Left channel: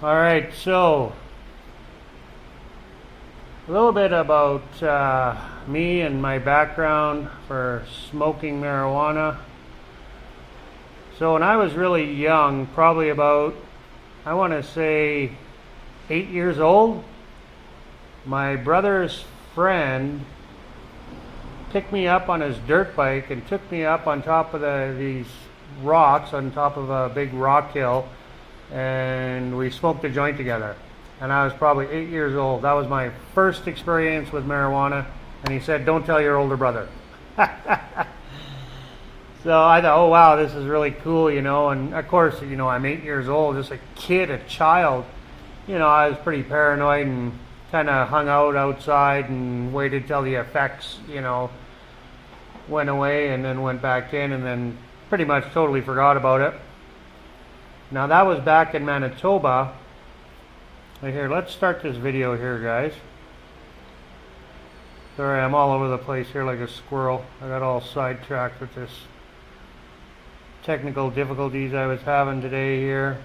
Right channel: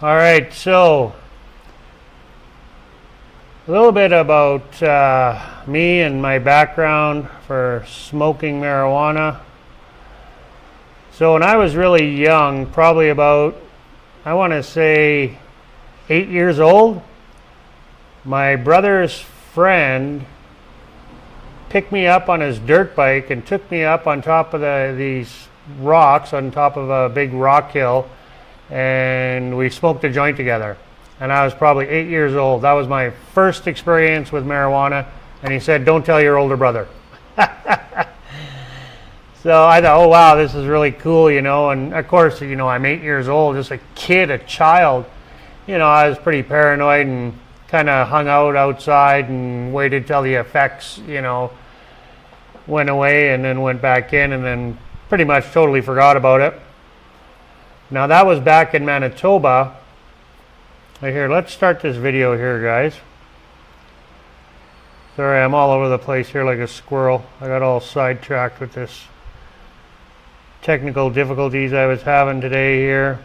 All right, so a little bit about me and my background for smoking marijuana. So when I was really young, probably about, I want to say 8 years old, my brother's friend picked me up on his dirt bike and took me up on top of these rocks on top of a big rock hill, and we smoked a joint together. And I was probably 8 years old. That was my first experience with marijuana, and he said, "Don't tell your older brother." So I thought, oh wow, this is really cool, and of course, I'm 8 years old, just a kid, a child. I was pretty paranoid and kind of hung out outside and waited till the effects, went away, and then went back in, and then pretty much totally forgot about it. Now that was back in Manitoba. Right here, let's start this video here, guys. Sorry, I'm all over the place here like a squirrel. I got all sidetracked with this technical difficulties I was having today here.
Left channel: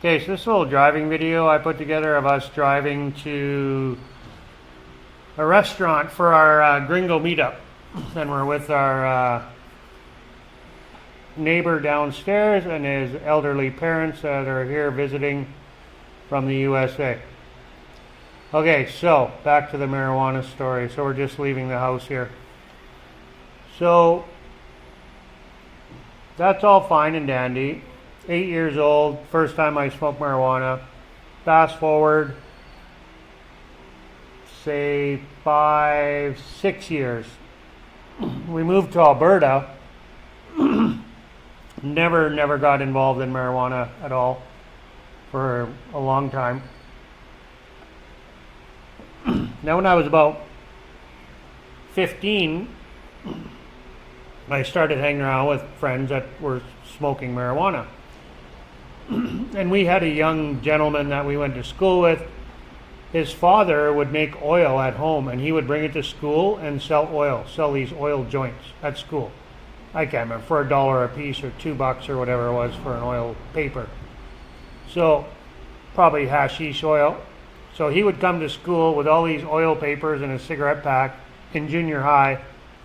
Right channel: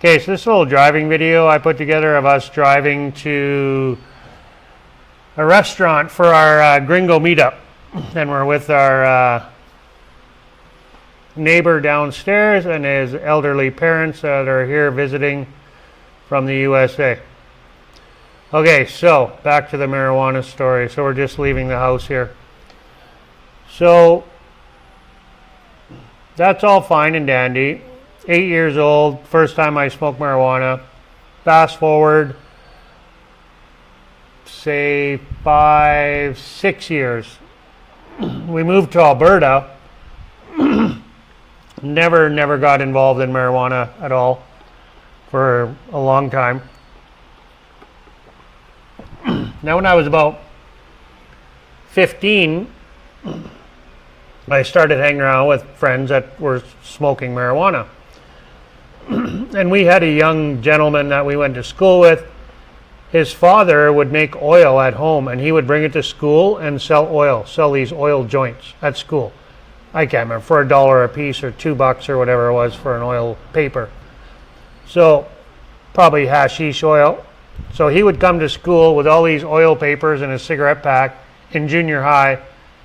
Okay, so this little driving video I put together of us driving to a restaurant for our gringo meetup. And we're with our neighbor downstairs and his elderly parents that are here visiting from the USA. Okay, so back to the marijuana story. So we're just leaving the house here. So that's all fine and dandy. 8 years old, first time I smoked marijuana. Fast forward, say 5, 6 years. We moved to Alberta. Never got involved in marijuana at all for a long time. Now when I was about 15, I started hanging around with friends that were smoking marijuana. And we had a young gentleman that we went to school with. His father would make oil at home, and he would bring it to school and sell these oil joints at school. I can't remember, for $1 a piece or $2 or whatever it was for an oil paper. So probably hashish oil. So he would come to school with all these oil papers and a cigarette pack in junior high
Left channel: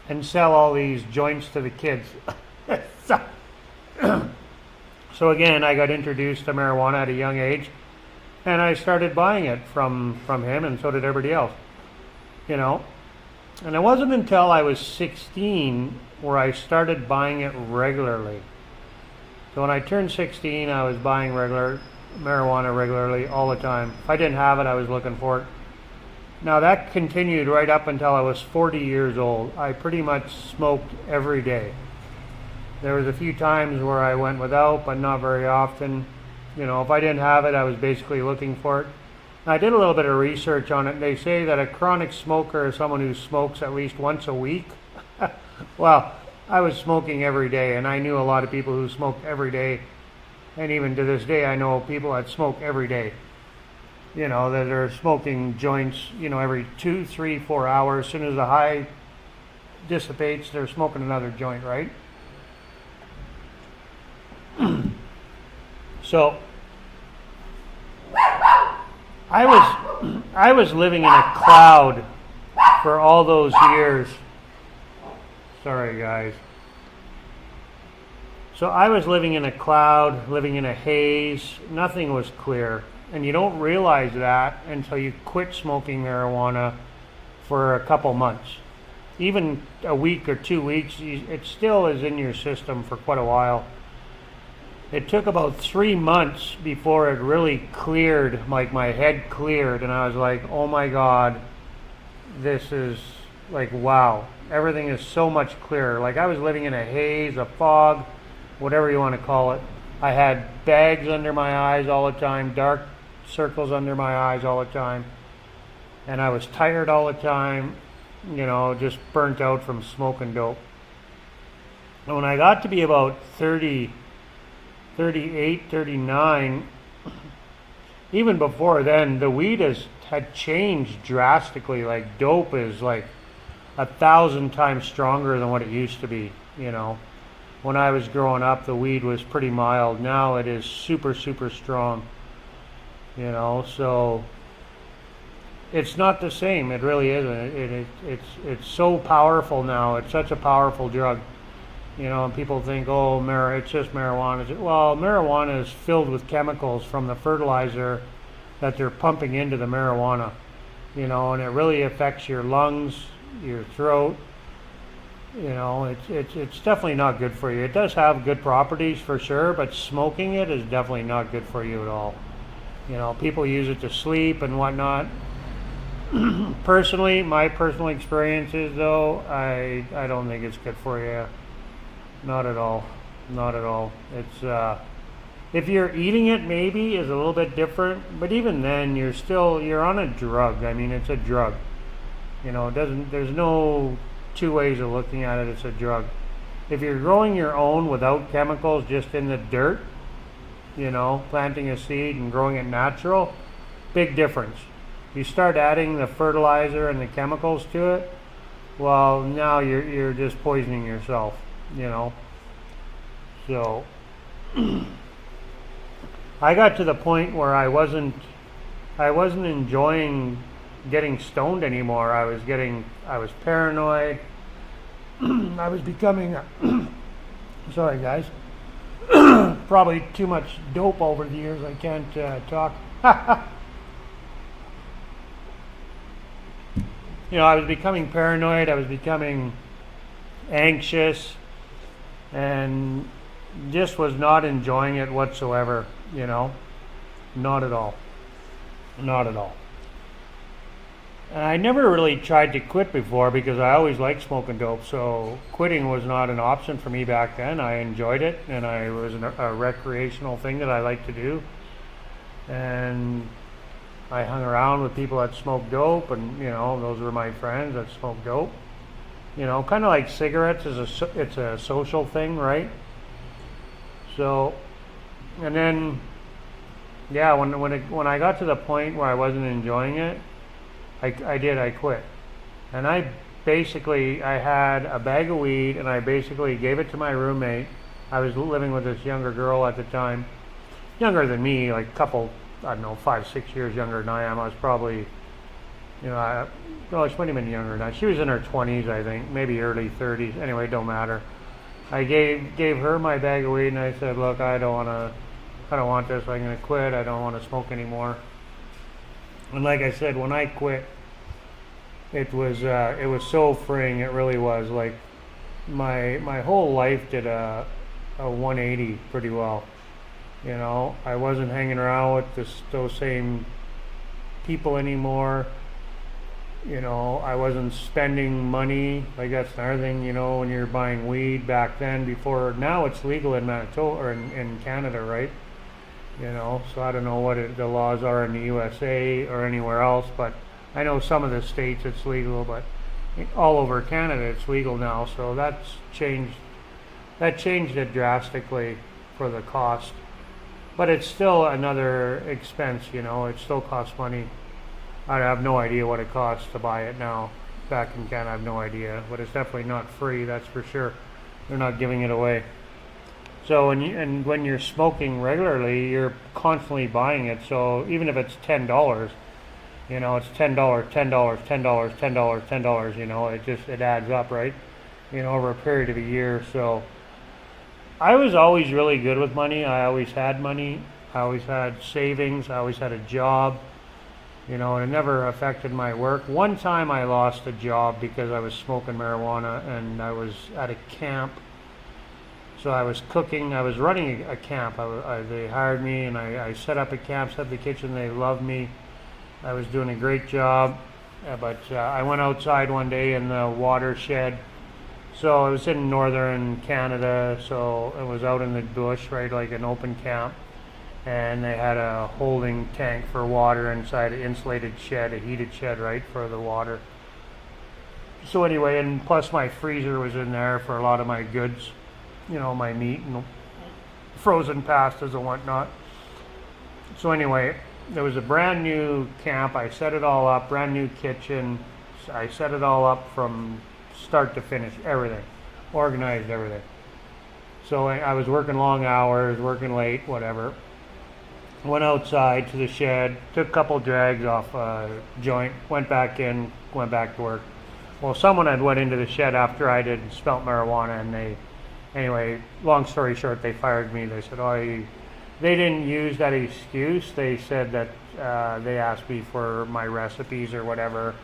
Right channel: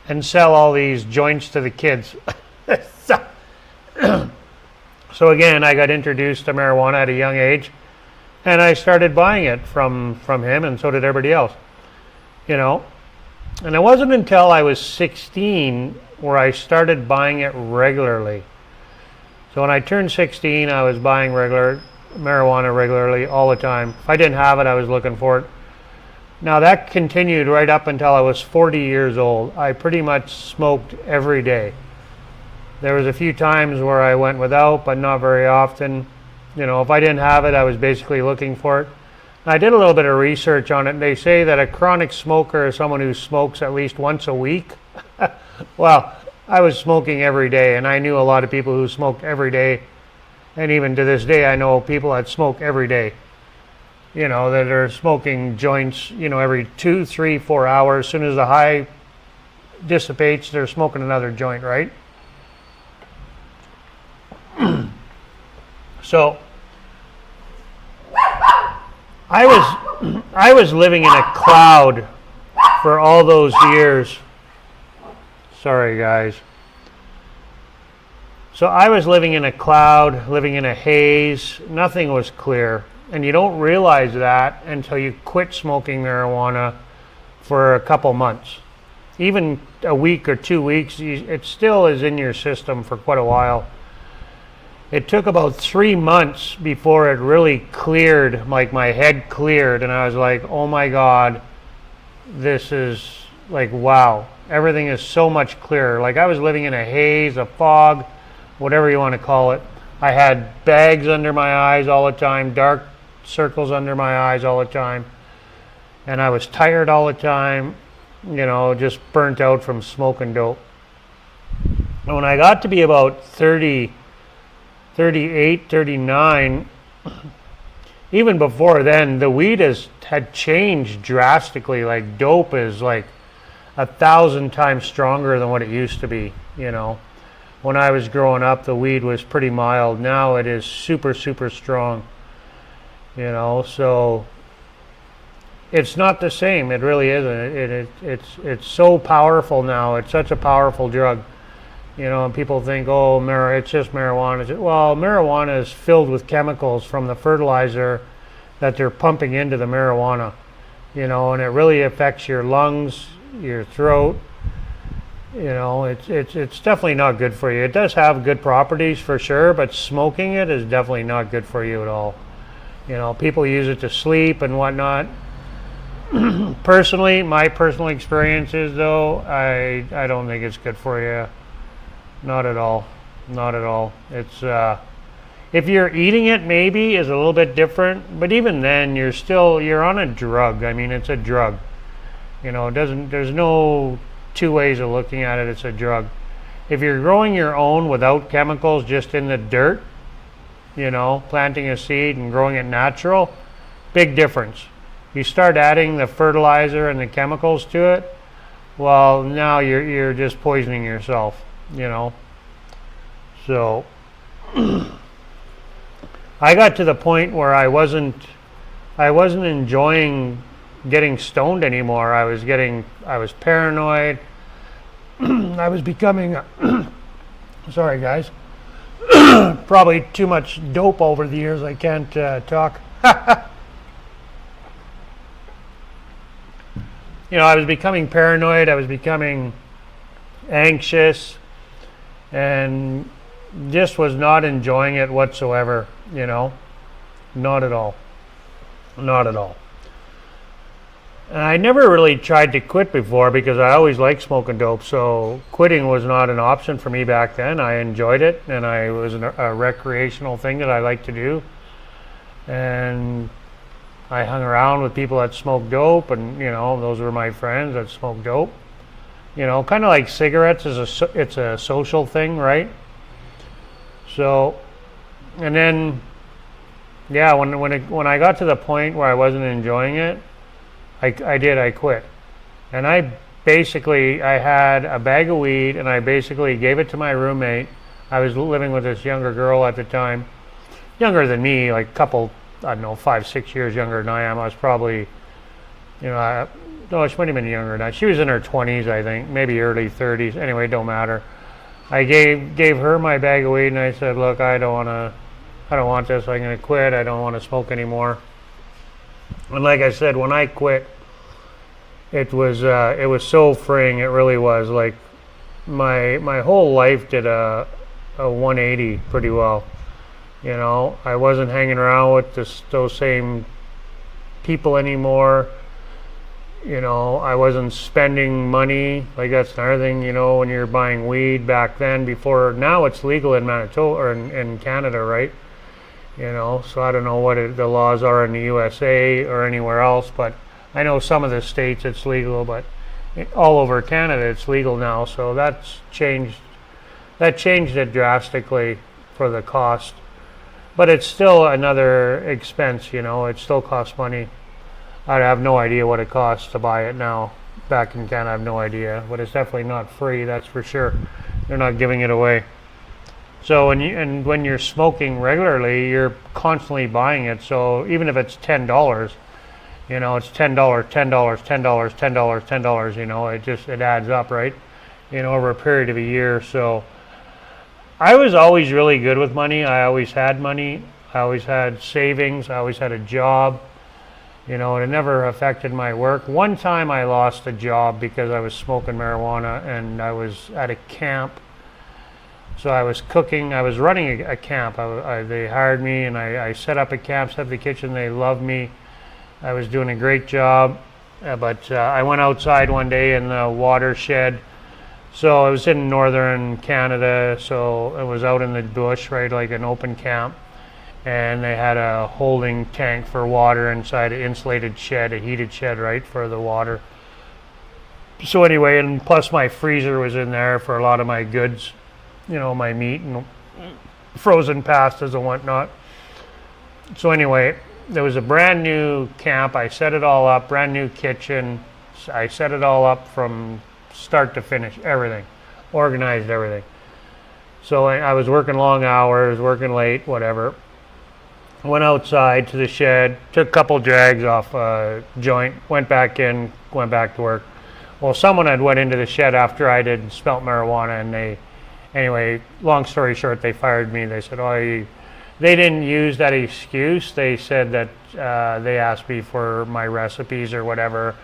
and sell all these joints to the kids. So again, I got introduced to marijuana at a young age, and I started buying it from him, and so did everybody else. And it wasn't until I was 16 where I started buying it regularly. So when I turned 16, I was buying marijuana regularly all the time. If I didn't have it, I was looking for it. Now that continued right up until I was 40 years old. I pretty much smoked every day. There was a few times where I went without, but not very often. If I didn't have it, I was basically looking for it. I did a little bit of research on it. They say that a chronic smoker is someone who smokes at least once a week. Well, I was smoking every day, and I knew a lot of people who smoked every day. And even to this day, I know people that smoke every day. That are smoking joints, every 2, 3, 4 hours. As soon as the high dissipates, they're smoking another joint, right? So I was living in a cloud for all those years. Sorry, guys. So I was living in a cloud, living in a haze. Nothing was clear. And you don't realize that until you quit smoking marijuana for a couple months. Even a week or 2 weeks, it still is in your system for quite a while. It took about 3 months before it really cleared, like my head cleared, and I was like, oh my God, this is like, wow, everything is so much clearer. Like I was living in a haze, a fog, whatever you want to call it. I had bags under my eyes all the time, dark circles under my eyes all the time, and I was tired all the time, just burnt out from smoking dope. And when I got to be about 30, 38, 39, even before then, the weed had changed drastically. Like dope is like 1,000 times stronger than what it used to be, when I was growing up, the weed was pretty mild. Now it is super, super strong. So it's not the same. It really isn't. It's so powerful now. It's such a powerful drug. And people think, oh, it's just marijuana. Well, marijuana is filled with chemicals from the fertilizer that they're pumping into the marijuana. And it really affects your lungs, your throat. It's definitely not good for you. It does have good properties for sure, but smoking it is definitely not good for you at all. People use it to sleep and whatnot. Personally, my personal experiences though, I don't think it's good for you. Not at all. Not at all. It's if you're eating it, maybe is a little bit different, but even then you're on a drug. I mean, it's a drug. There's no two ways of looking at it. It's a drug. If you're growing your own without chemicals, just in the dirt, planting a seed and growing it natural, big difference. You start adding the fertilizer and the chemicals to it, well, now you're just poisoning yourself, So I got to the point where I wasn't enjoying getting stoned anymore. I was paranoid. I was becoming sorry guys. Probably too much dope over the years. I can't talk. I was becoming paranoid. I was becoming anxious, and just was not enjoying it whatsoever. Not at all. Not at all. And I never really tried to quit before because I always liked smoking dope, so quitting was not an option for me back then. I enjoyed it, and it was a recreational thing that I liked to do. And I hung around with people that smoked dope, and those were my friends that smoked dope. Kind of like cigarettes it's a social thing, right? So, and then, yeah, when I got to the point where I wasn't enjoying it, I quit. And I had a bag of weed, and I basically gave it to my roommate. I was living with this younger girl at the time, younger than me, like a couple, I don't know, 5, 6 years younger than I am. I was probably, no, she might have been younger than that. She was in her 20s, I think, maybe early 30s. Anyway, it don't matter. I gave her my bag of weed, and I said, look, I don't want this. I'm going to quit. I don't want to smoke anymore. And like I said, when I quit, it was so freeing. It really was. Like my whole life did a 180 pretty well. I wasn't hanging around with those same people anymore. I wasn't spending money. Like that's another thing. When you're buying weed back then, before now it's legal in Manitoba or in Canada, right? So I don't know what the laws are in the USA or anywhere else, but I know some of the states it's legal, but all over Canada it's legal now. So that's changed. That changed it drastically for the cost, but it's still another expense. It still costs money. I have no idea what it costs to buy it now. Back in Canada, I have no idea, but it's definitely not free. That's for sure. They're not giving it away. So when you're smoking regularly, you're constantly buying it. So even if it's $10, it's $10, $10, $10, $10, $10. It adds up, right? Over a period of a year. So I was always really good with money. I always had money. I always had savings. I always had a job. It never affected my work. One time I lost a job because I was smoking marijuana, and I was at a camp. So I was cooking. I was running a camp. They hired me, and I set up a camp, set up the kitchen. They loved me. I was doing a great job. But I went outside one day in the watershed. So I was in northern Canada, so it was out in the bush, right, like an open camp. And they had a holding tank for water inside an insulated shed, a heated shed, right, for the water. So anyway, and plus my freezer was in there for a lot of my goods, my meat and frozen pastas and whatnot. So anyway, there was a brand new camp. I set it all up, brand new kitchen. I set it all up from start to finish, everything, organized everything. So I was working long hours, working late, whatever. Went outside to the shed, took a couple drags off a joint, went back in, went back to work. Well, someone had went into the shed after I did smelt marijuana, and anyway, long story short, they fired me. They said, they didn't use that excuse. They said that they asked me for my recipes or whatever,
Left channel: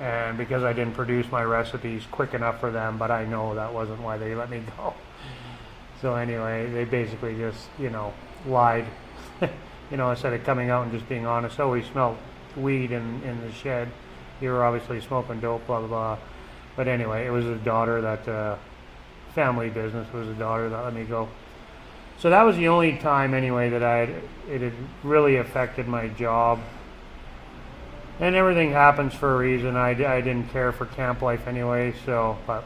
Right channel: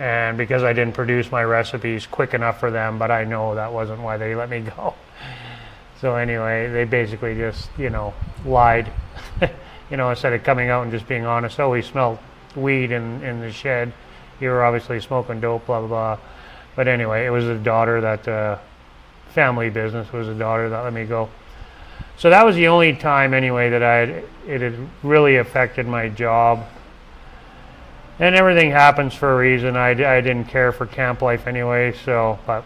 and because I didn't produce my recipes quick enough for them, but I know that wasn't why they let me go. So anyway, they basically just, lied. Instead of coming out and just being honest, we smelled weed in the shed. You were obviously smoking dope, blah, blah, blah. But anyway, it was the daughter that, family business, it was the daughter that let me go. So that was the only time anyway that it had really affected my job. And everything happens for a reason. I didn't care for camp life anyway, but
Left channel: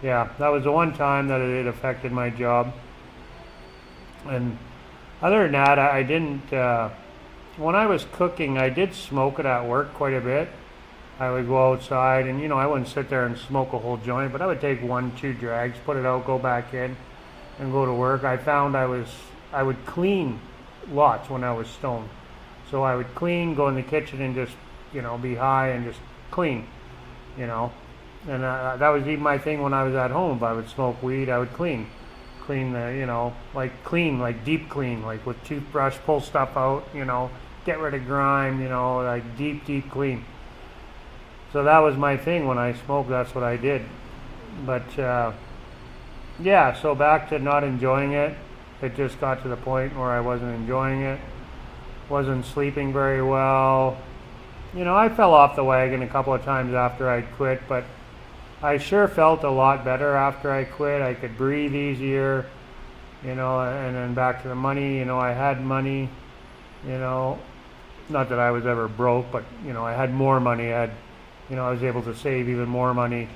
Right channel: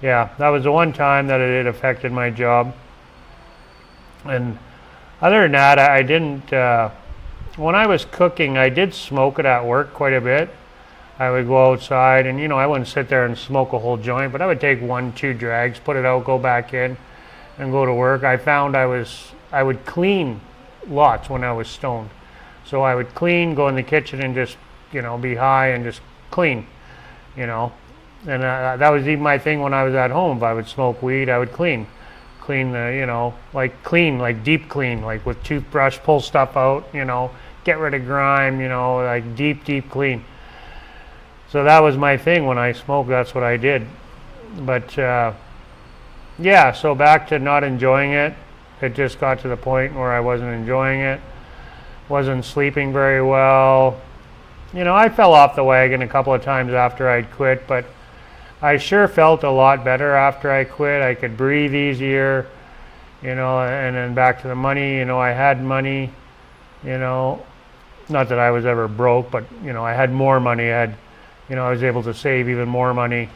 yeah, that was the one time that it affected my job. And other than that, I didn't, when I was cooking, I did smoke it at work quite a bit. I would go outside and, I wouldn't sit there and smoke a whole joint, but I would take 1-2 drags, put it out, go back in, and go to work. I found I would clean lots when I was stoned. So I would clean, go in the kitchen and just, be high and just clean, And that was even my thing when I was at home. If I would smoke weed, I would clean the, like deep clean, like with toothbrush, pull stuff out, get rid of grime, like deep clean. So that was my thing when I smoked. That's what I did. But yeah, so back to not enjoying it. It just got to the point where I wasn't enjoying it. Wasn't sleeping very well. I fell off the wagon a couple of times after I'd quit, but I sure felt a lot better after I quit. I could breathe easier, and then back to the money. I had money, not that I was ever broke, but, I had more money. I was able to save even more money,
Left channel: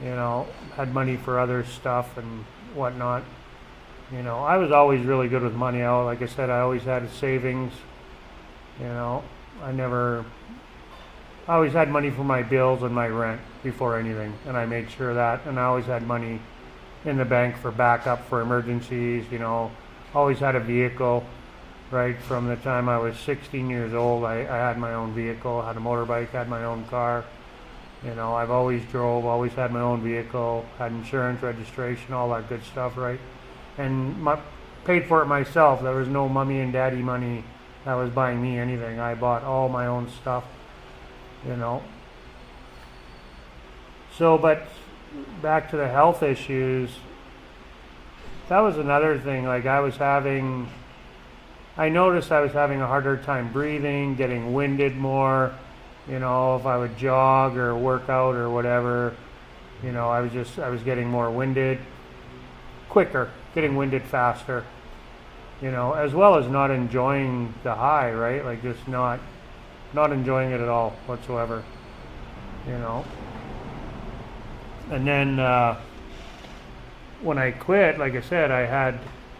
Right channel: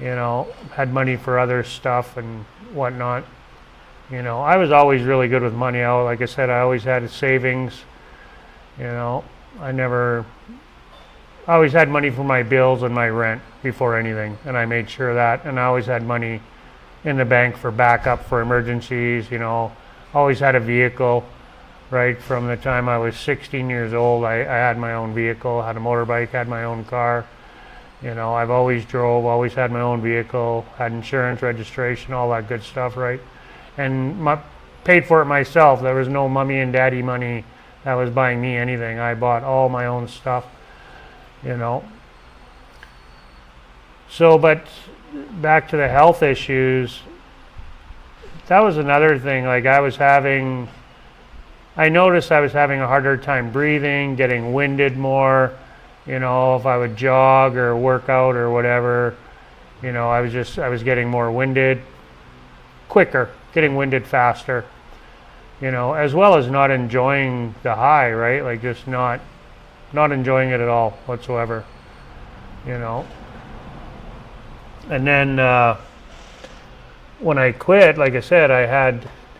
had money for other stuff and whatnot. I was always really good with money. Like I said, I always had savings, I always had money for my bills and my rent before anything, and I made sure of that. And I always had money in the bank for backup for emergencies, always had a vehicle, right? From the time I was 16 years old, I had my own vehicle, had a motorbike, had my own car. I've always drove, always had my own vehicle, had insurance, registration, all that good stuff, right? And paid for it myself. There was no mommy and daddy money that was buying me anything. I bought all my own stuff, So, but back to the health issues, that was another thing. Like I noticed I was having a harder time breathing, getting winded more, if I would jog or work out or whatever, I was getting more winded, quicker, getting winded faster, as well as not enjoying the high, right? Like just not enjoying it at all whatsoever, And then when I quit, like I said, I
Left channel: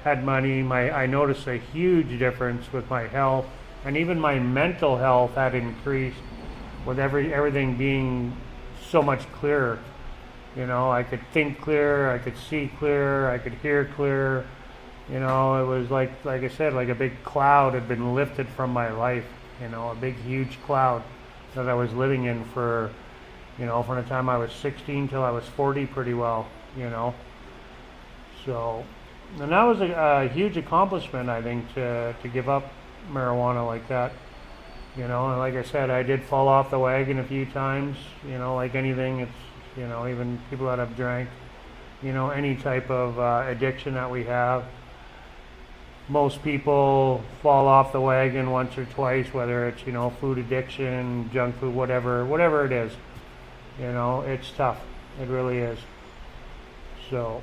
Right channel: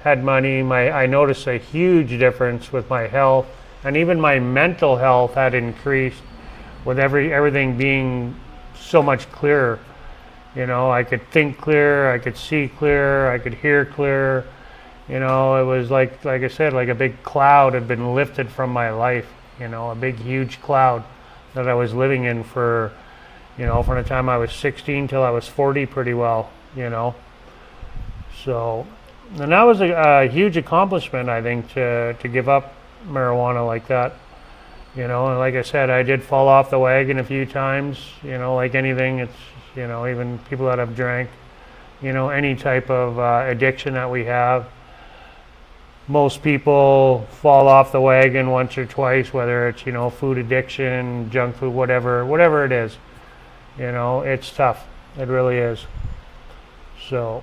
had money. I noticed a huge difference with my health, and even my mental health had increased with everything being so much clearer. I could think clear, I could see clear, I could hear clear. It was like I said, like a big cloud had been lifted from my life. A big huge cloud that I was living in for, from the time I was 16 till I was 40 pretty well, So, and that was a huge accomplishment, I think, to give up marijuana like that. And like I said, I did fall off the wagon a few times, like anything. It's, even people that have drank, any type of addiction that we have. Most people fall off the wagon once or twice, whether it's, food addiction, junk food, whatever it is. It's tough. It really is. So,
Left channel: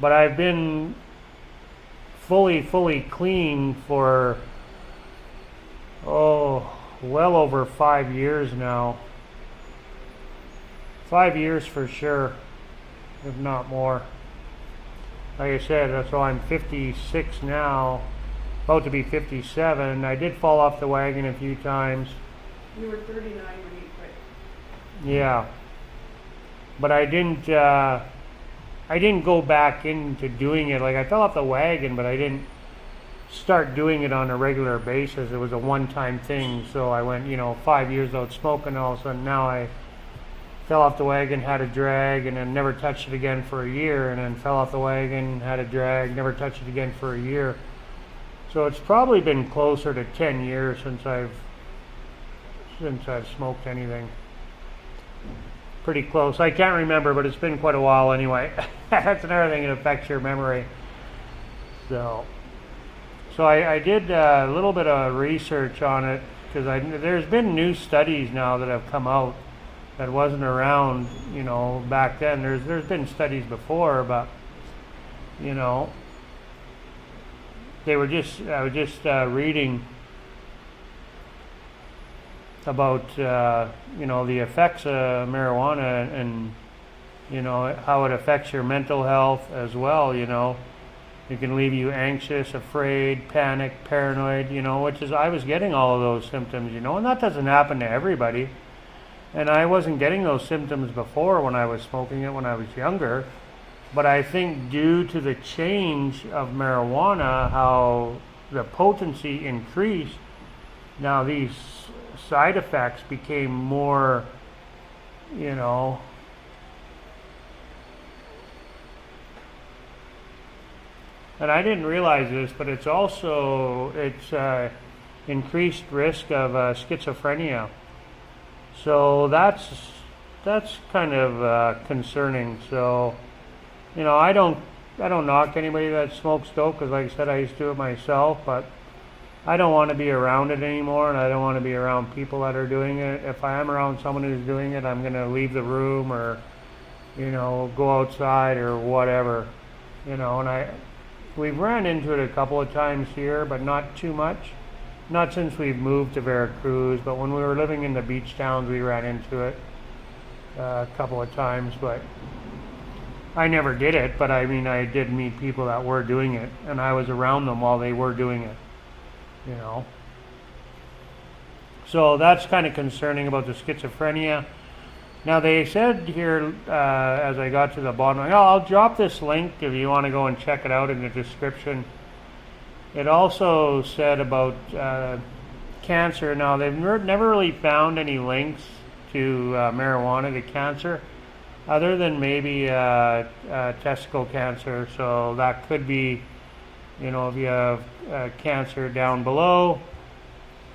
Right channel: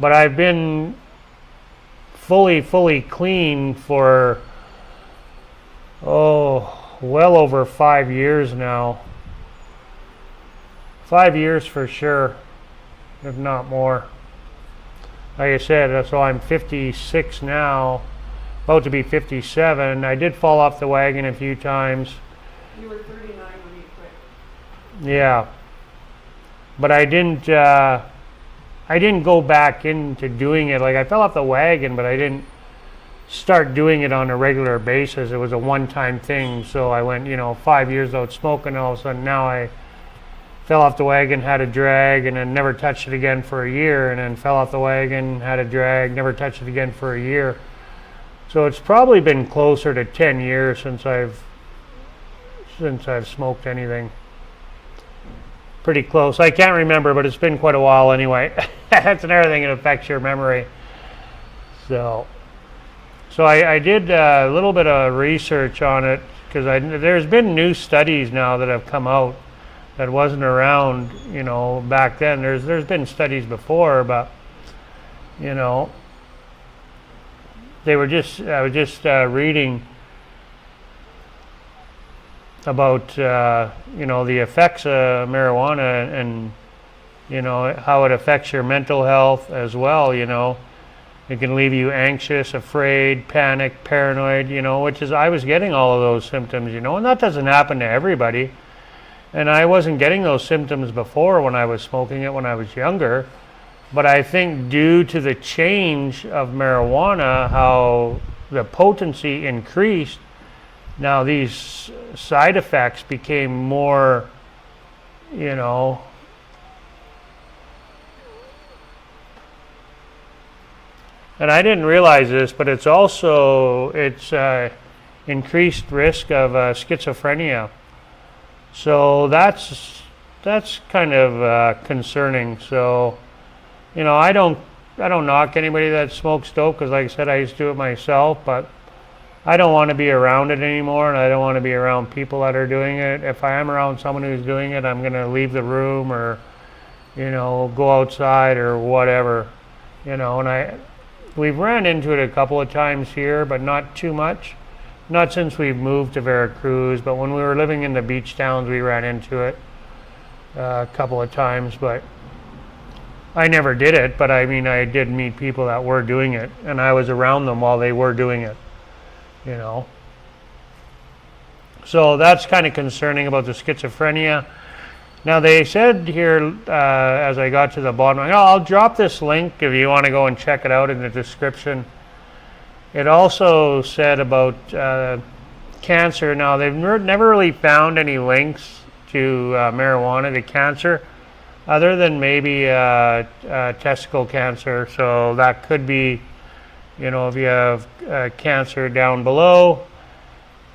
but I've been fully clean for, well over 5 years now. 5 years for sure, if not more. Like I said, so I'm 56 now, about to be 57. I did fall off the wagon a few times. You were 39 when you quit. Yeah. But I didn't I didn't go back into doing it. Like I fell off the wagon, but I didn't start doing it on a regular basis. It was a one-time thing. So I went, 5 years without smoking. All of a sudden now I fell off the wagon, had a drag, and then never touched it again for a year. And then fell off the wagon, had a drag, never touched it again for a year. So it's probably been closer to 10 years since I've smoked anything. Pretty close. I can't remember, but it's been quite a while anyway. That's another thing that affects your memory. So I did a little bit of research on it because there's been new studies now that have come out that wasn't around, back then. There's been studies before, but I was just reading about the effects of marijuana and how it affects your mental health as well. It can leave you anxious, afraid, panic, paranoid, which is, I was getting all of those symptoms, and that doesn't happen to everybody. And I wasn't getting those symptoms before when I was smoking it when I was younger. But I think due to the change of marijuana, how the potency increased, now these side effects became more, and I didn't realize this, but it's increased risk of schizophrenia. So that's kind of concerning. So, I don't knock anybody that smokes dope because, like I said, I used to do it myself, but I don't want to be around it anymore, and I don't want to be around people that are doing it. If I am around someone who's doing it, I'm going to leave the room or, go outside or whatever, and we've ran into it a couple of times here, but not too much. Not since we've moved to Veracruz, but when we were living in the beach towns, we ran into it a couple of times, but I never did it. But I mean, I did meet people that were doing it, and I was around them while they were doing it. So that's kind of concerning about the schizophrenia. Now they said here, as I got to the bottom, I'll drop this link if you want to go and check it out in the description. It also said about cancer. Now they've never really found any links to marijuana to cancer, other than maybe testicle cancer. So that could be, if you have cancer down below,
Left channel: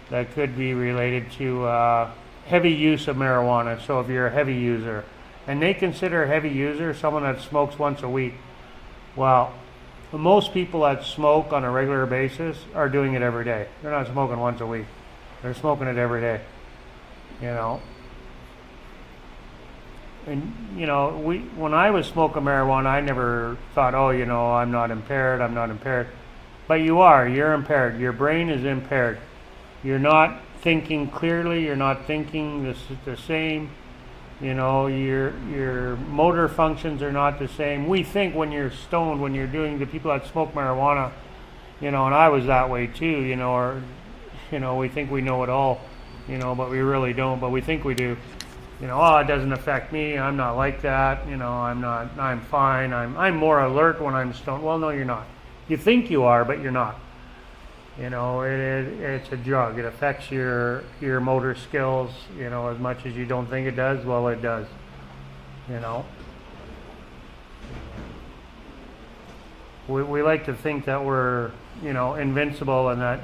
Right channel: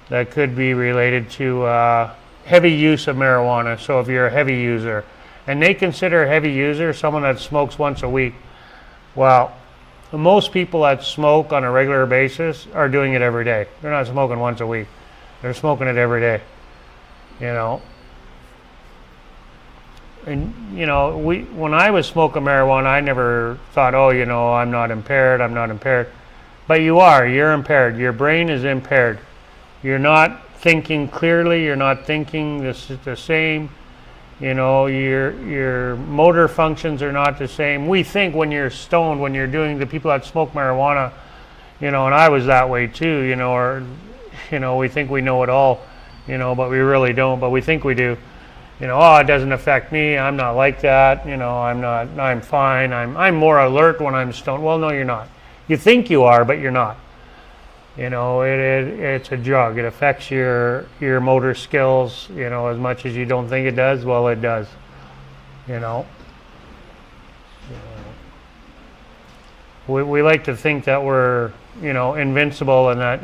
that could be related to heavy use of marijuana. So if you're a heavy user, and they consider a heavy user someone that smokes once a week. Well, most people that smoke on a regular basis are doing it every day. They're not smoking once a week. They're smoking it every day. And when I was smoking marijuana, I never thought, I'm not impaired. But you are. You're impaired. Your brain is impaired. You're not thinking clearly. You're not thinking the same. Your motor functions are not the same. We think when you're stoned, when you're doing, the people that smoke marijuana, and I was that way too, or, we think we know it all, but we really don't, but we think we do. It doesn't affect me. I'm not like that. I'm fine. I'm more alert when I'm stoned. Well, no, you're not. You think you are, but you're not. It's a drug. It affects your motor skills, as much as you don't think it does. Well, it does, We like to think that we're, invincible and that,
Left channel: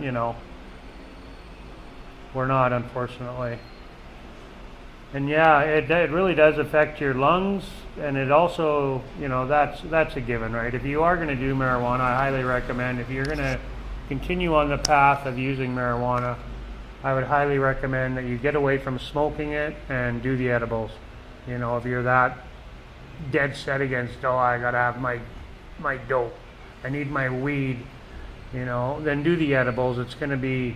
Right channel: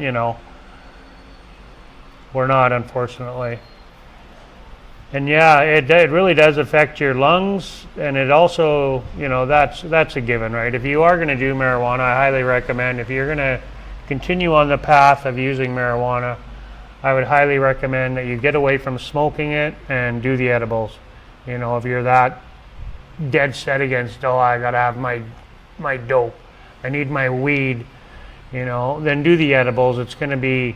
we're not, unfortunately. And yeah, it really does affect your lungs, and it also, that's a given, right? If you are going to do marijuana, I highly recommend, if you're going to continue on the path of using marijuana, I would highly recommend that you get away from smoking it and do the edibles. If you're that dead set against, I gotta have my dope, I need my weed, then do the edibles. It's going to be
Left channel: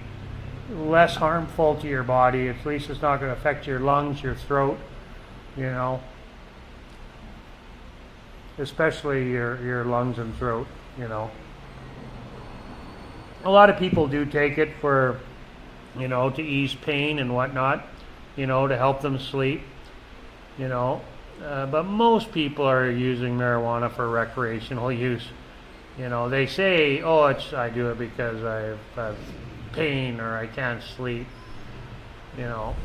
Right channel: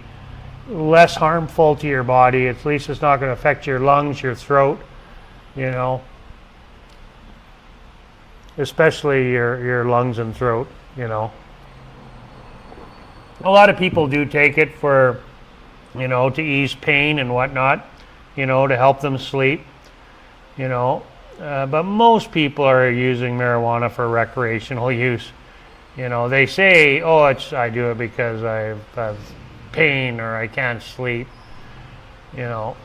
less harmful to your body. At least it's not going to affect your lungs, your throat, especially your lungs and throat. A lot of people do take it for, to ease pain and whatnot, to help them sleep, But most people are using marijuana for recreational use. They say, oh, I do it because I have pain or I can't sleep. You know,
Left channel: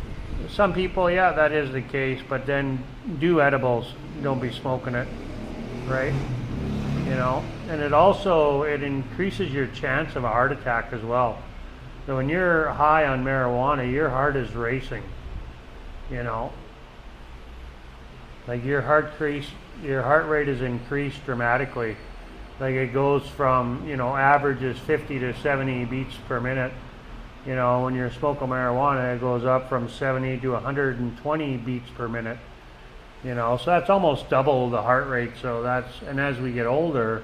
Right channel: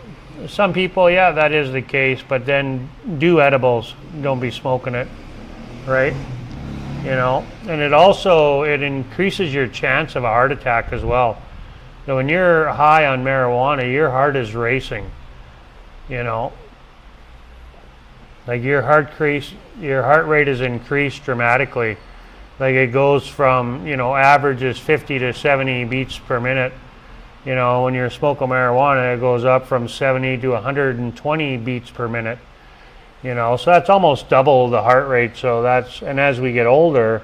some people, yeah, that is the case, but then do edibles. Don't be smoking it, right? And it increases your chance of a heart attack as well. So when you're high on marijuana, your heart is racing. You know, like your heart rate is increased dramatically. Like it goes from averages 50 to 70 beats per minute. When you're smoking marijuana, it goes up from 70 to 120 beats per minute. So that's almost double the heart rate. And as we get older,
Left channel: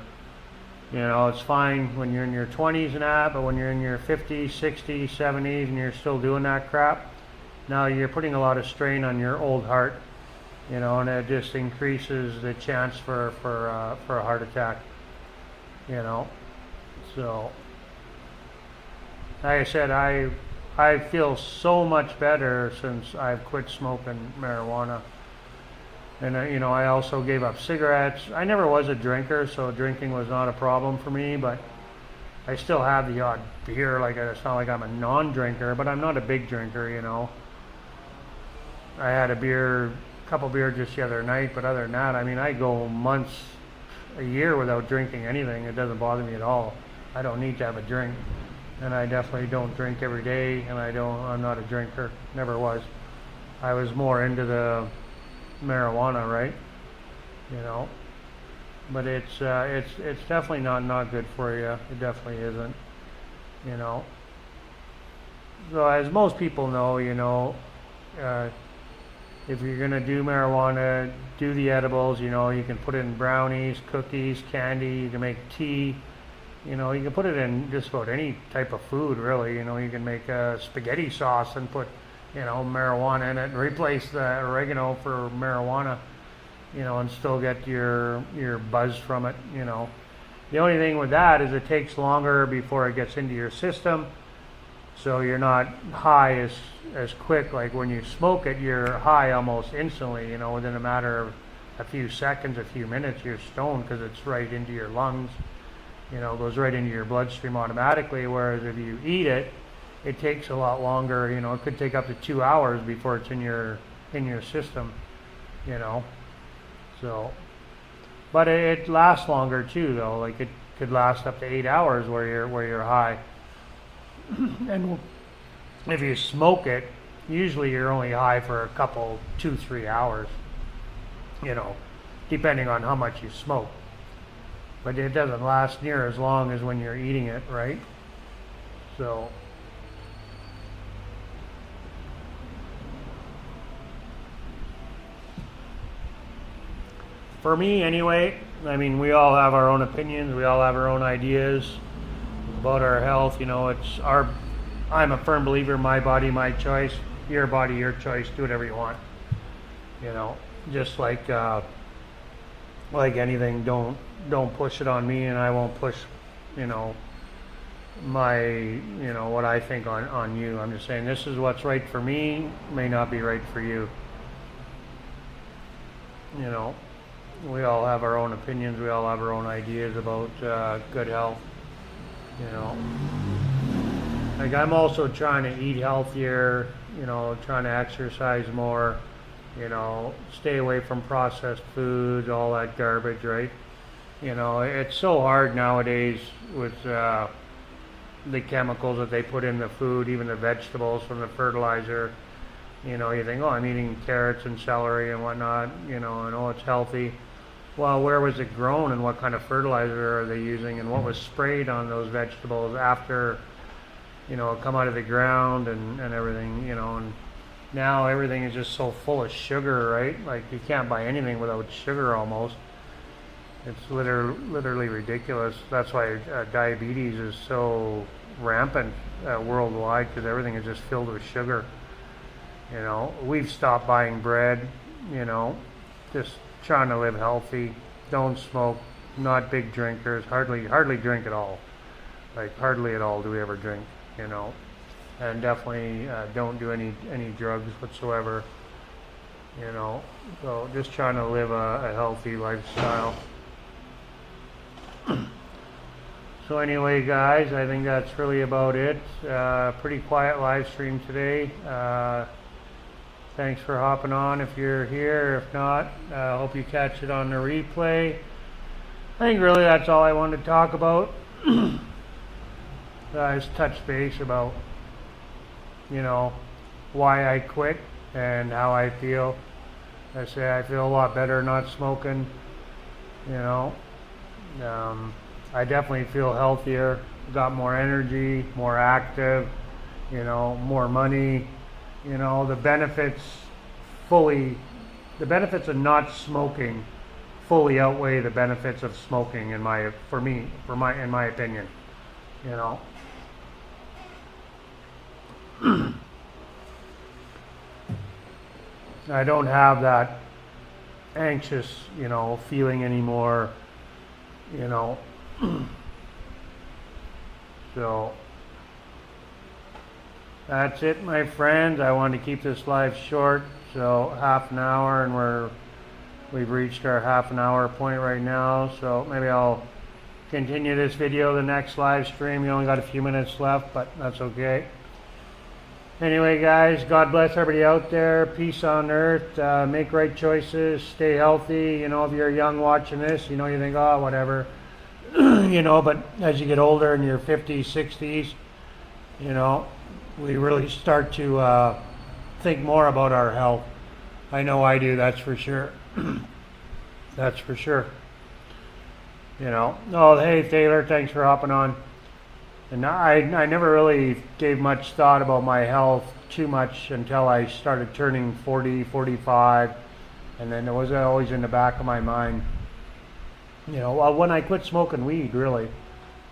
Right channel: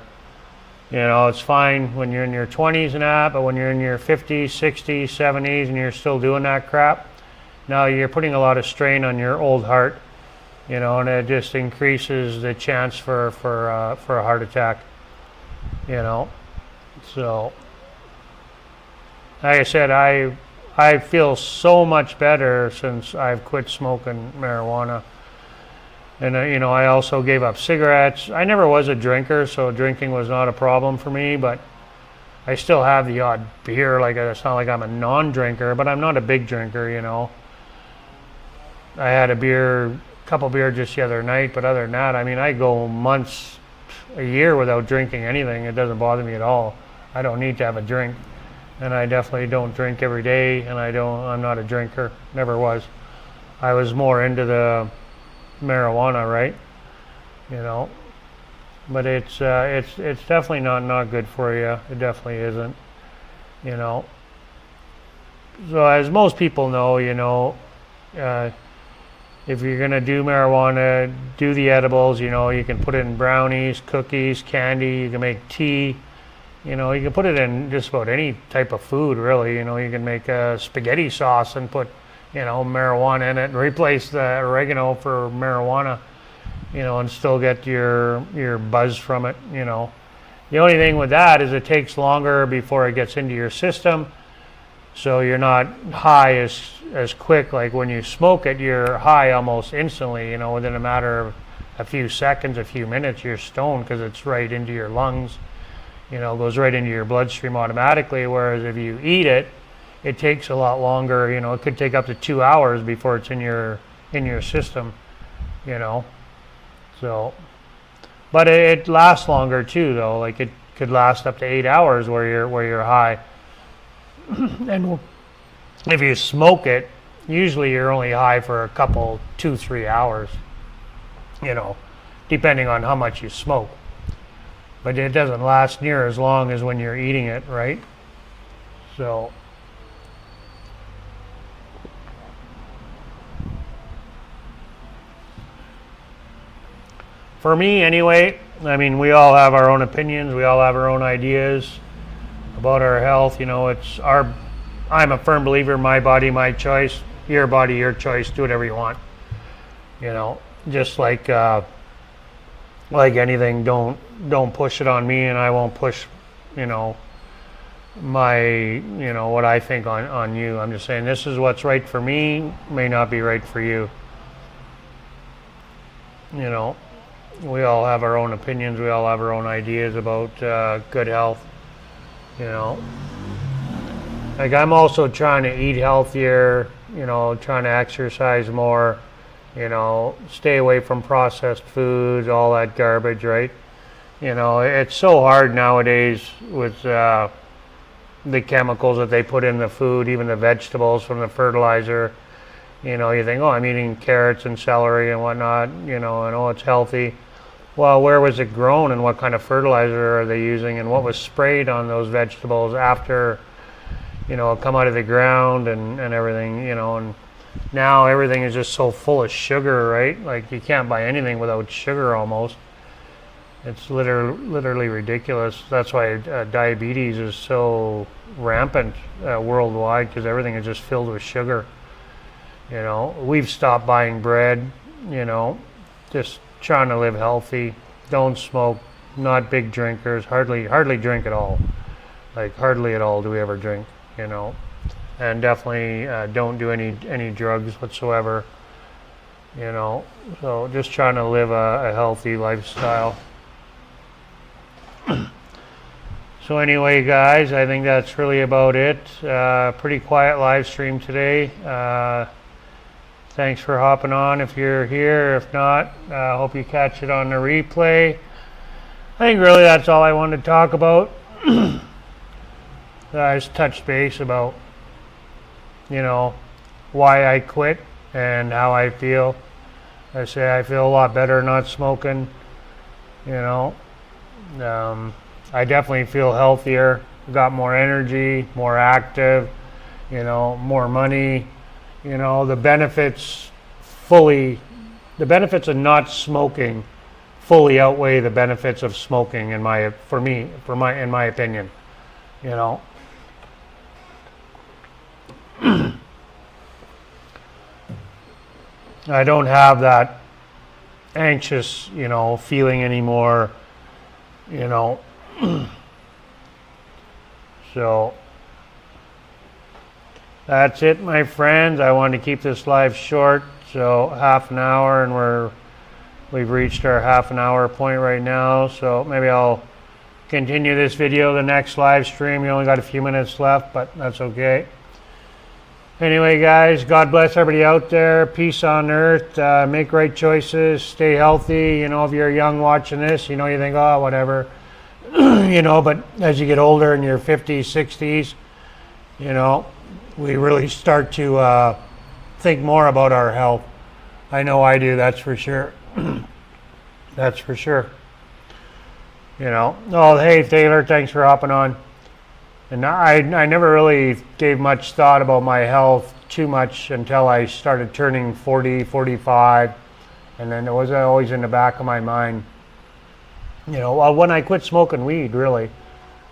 it's fine when you're in your 20s and that, but when you're in your 50s, 60s, 70s, and you're still doing that crap, now you're putting a lot of strain on your old heart, and it just increases the chance for a heart attack, So, like I said, I feel so much better since I've quit smoking marijuana. And, I also gave up cigarettes. I never was a drinker, so drinking was not a problem for me, but I still have the odd beer. Like, it's not like I'm a non-drinker, but I'm not a big drinker, I had a couple beer just the other night, but other than that, I go months, a year without drinking anything. It doesn't bother me at all. I don't need to have a drink. And I definitely don't drink every day, and I'm not a drinker. Never was. I was more into the marijuana, right? But it's definitely not good for you. It definitely isn't. So as most people know, if you're gonna do marijuana, do the edibles. You can put it in brownies, cookies, candy. You can make tea. You can put it in just about any type of food, really. You can make a spaghetti sauce and put marijuana in it and replace the oregano for marijuana, and still get your buzz from it, The only thing with that is it takes longer before it gets into your system, so you're not high as quick. Like when you smoke it, you're high almost instantly, within a matter of a few seconds, a few minutes, you're stoned because it's right into your lungs, goes right into your bloodstream automatically, whereas if you eat it, it takes a lot longer. It could take up to 2 hours before it's in your system. So, but it lasts longer too, though. Like it could last up to 8 hours where you're high. And if you smoke it, usually you're only high for a couple, 2-3 hours. Depending on how much you smoke. But it doesn't last near as long as when you're eating it, right? So. For me, anyway, we all have our own opinions. We all have our own ideas about our health. I'm a firm believer, my body, my choice. Your body, your choice. Do whatever you want. Just like anything, don't push it on me, and I won't push, my, what I think on you. I'm just saying this is what's right for me, may not be right for you. We all have our own opinions. We all have our own ideas about good health. Like I'm also trying to eat healthier, trying to exercise more, stay away from processed foods, all that garbage, right? It's so hard nowadays with the chemicals that they put in the food, even the vegetables from the fertilizer. You think, oh, I'm eating carrots and celery and whatnot, and oh, it's healthy. Well, where was it grown and what kind of fertilizer are they using and what was sprayed on those vegetables after, it come out of the ground and everything, and now everything is just so full of sugar, right? Like you can't buy anything without sugar almost. It's literally ridiculous. That's why diabetes is so rampant worldwide, because everything is just filled with sugar. We've stopped buying bread, just trying to live healthy, don't smoke, not big drinkers, hardly drink at all. Like hardly at all do we ever drink, and definitely don't do any drugs whatsoever. you know. So just trying to live a healthy lifestyle. So anyway, guys, I think that's really about it. Pretty quiet live stream today. Thanks for hopping on if you're here. If not, I hope you catch it on the replay. I think really that's all I wanted to talk about. I just touched base about, you know, why I quit and how I feel. I say I feel a lot better not smoking, you know. I definitely feel healthier, got more energy, more active, you know, more money, you know, the benefits of not smoking fully outweigh the benefits of smoking in my opinion, you know. I don't have that anxious, you know, feeling anymore, you know. So that's it, my friends. I wanted to keep this live short, so half an hour, and we've reached our half an hour point right now. So maybe I'll continue this video the next live stream. You only got a few minutes left, but that's okay. Anyway, guys, God bless everybody out there. Peace on earth. Make right choices. Stay healthy. You know, if you're young watching this, you know, you think, oh, whatever. You know, but as you get older in your 50s, 60s, you know, we really start to think more about our health. I know I do, that's for sure. That's for sure. You know, oh, hey, Taylor, thanks for hopping on. And I never really gave much thought about my health too much until I started turning 40, 45. And then it was always in the back of my mind. You know, when I quit smoking weed, really.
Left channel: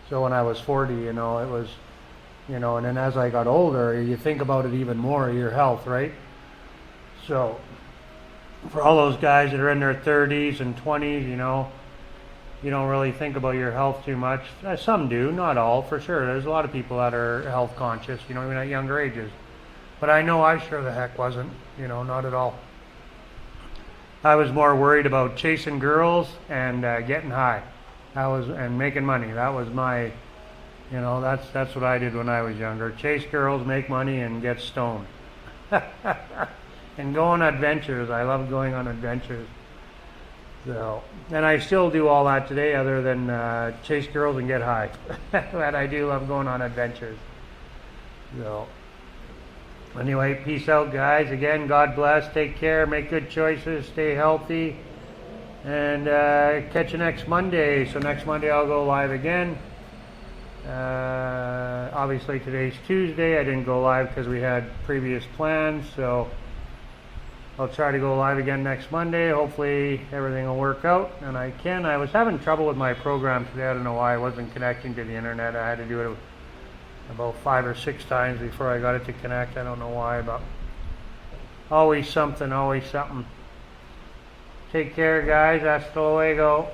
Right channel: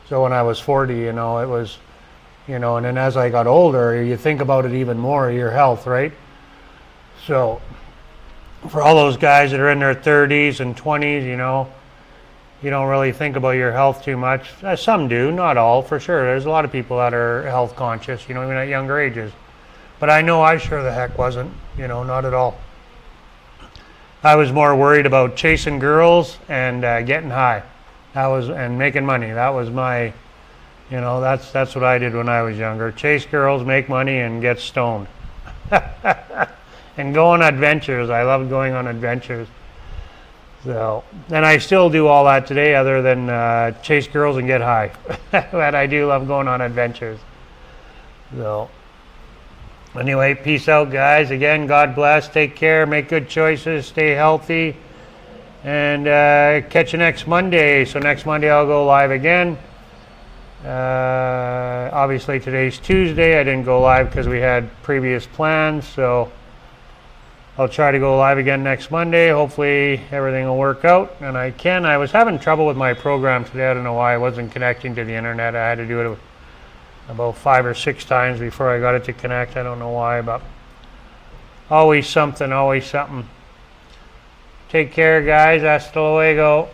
So when I was 40, you know, it was, you know, and then as I got older, you think about it even more, your health, right? So for all those guys that are in their 30s and 20s, you know, you don't really think about your health too much. Some do, not all, for sure. There's a lot of people that are health conscious, you know, even at younger ages. But I know I sure the heck wasn't, you know, not at all. I was more worried about chasing girls and getting high. And making money. That was my, you know, that's what I did when I was younger. Chase girls, make money, and get stoned. And go on adventures. I love going on adventures. So, and I still do all that today other than chase girls and get high. But I do love going on adventures. So, anyway, peace out, guys. Again, God bless. Take care. Make good choices. Stay healthy. And catch you next Monday. So next Monday I'll go live again. Obviously today's Tuesday. I didn't go live because we had previous plans. So I'll try to go live again next Monday. Hopefully everything will work out. And I can. I was having trouble with my program today. I don't know why I wasn't connecting to the internet. I had to do it about 5 or 6 times before I got it to connect. I don't know why, but always something, always something. Take care, guys. Hasta luego.